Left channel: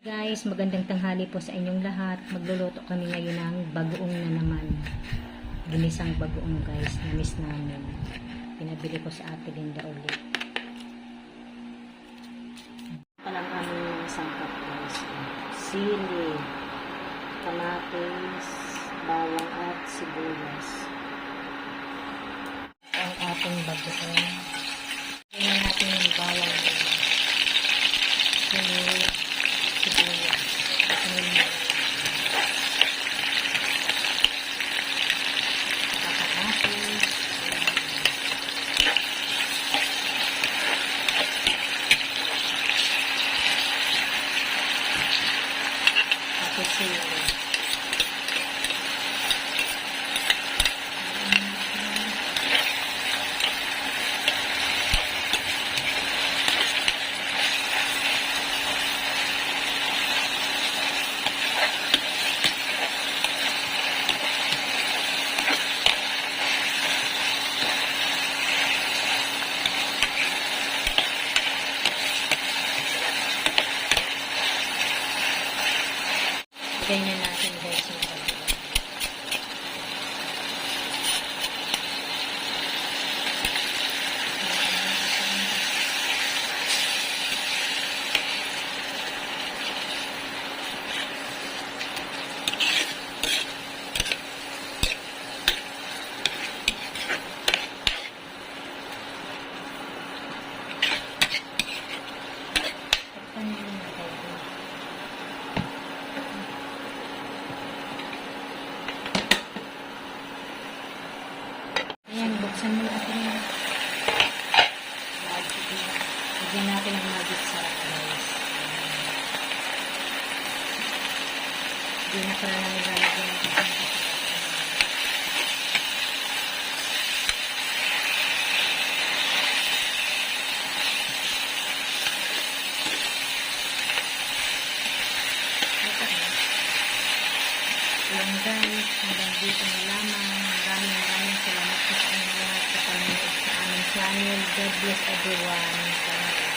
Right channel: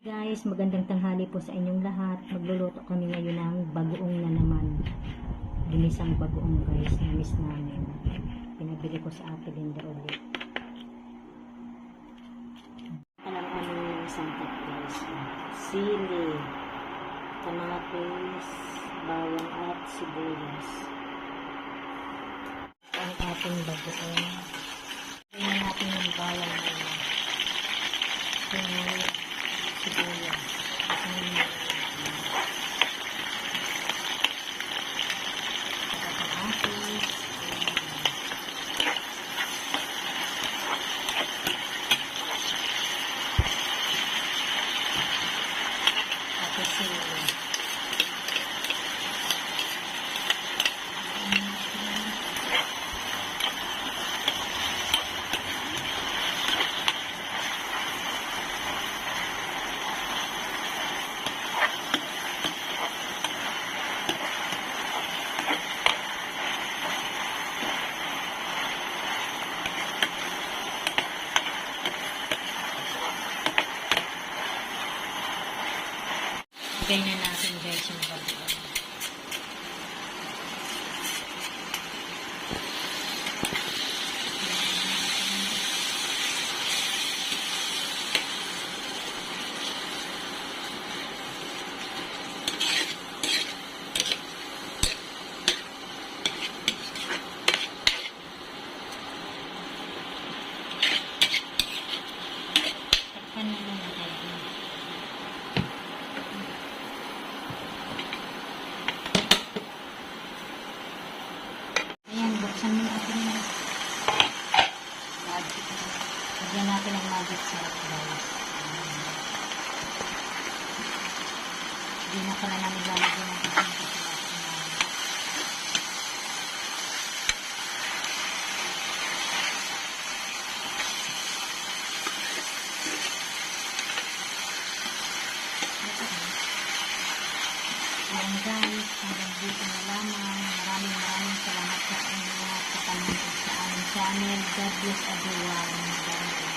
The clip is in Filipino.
Guys, magandang tanghali po sa inyong lahat. Magluluto kami ngayon ng bagoong na naman. Ginisang bagoong guys, na-miss namin. Pinabili ko sa Ate Linda ulit. Palang aming sangkap guys. Sili, kamatis, bawang at sibuyas. Ang ating bagoong. Tingnan natin yung bawang nila. Sibuyas. Kamatis. Tapos sili. Ganyan natin guys yung bagoong. Takpan mo muna tayo. Buksan mo natin na. Lagyan natin ang magic sarap guys. Hindi na pala namin lalagyan ng isang sarap. Yan guys, hanggang dito na lamang. Maraming salamat po sa inyo lahat sa panonood sa aming channel. God bless everyone.